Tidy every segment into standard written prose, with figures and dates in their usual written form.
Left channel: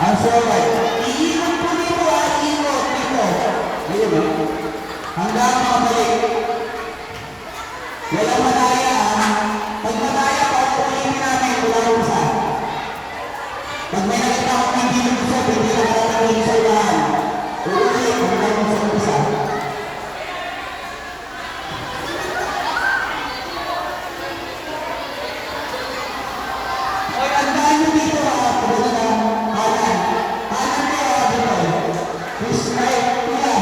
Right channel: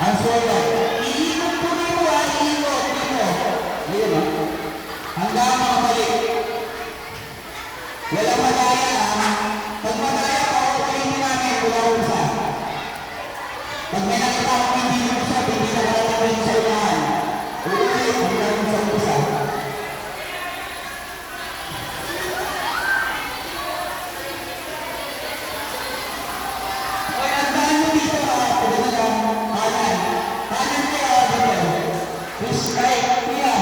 Ang solay. Iikot po dito, iikot dito. Ayun, no? Hanggang makabalik. Walang madaya. Pag madaya pa, ulitin namin mula usa. Pag may nakita akong hindi usa, hindi na malalagay sa ulan. Ulit, hanggang sa usa. Hoy, hanggang nyo dito, pagdating kanan. Kanan kayo, dito. Please, ay, kuya.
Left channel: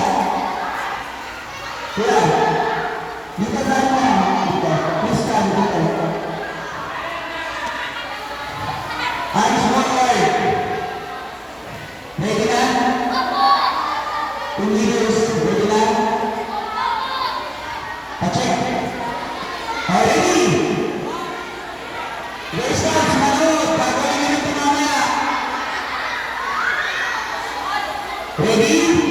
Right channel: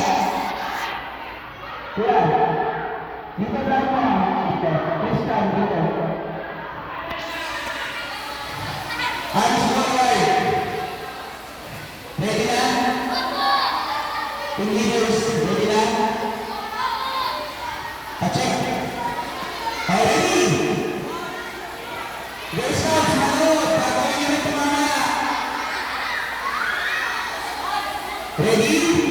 Kuya. Dito lang mo. Dito. Please, come dito. Hands mo, ay. Ready na? Pilidos, ready na? Pa-check. Ready? Let's go, sumunod. Gagawin nyo ito mamaya. Ready?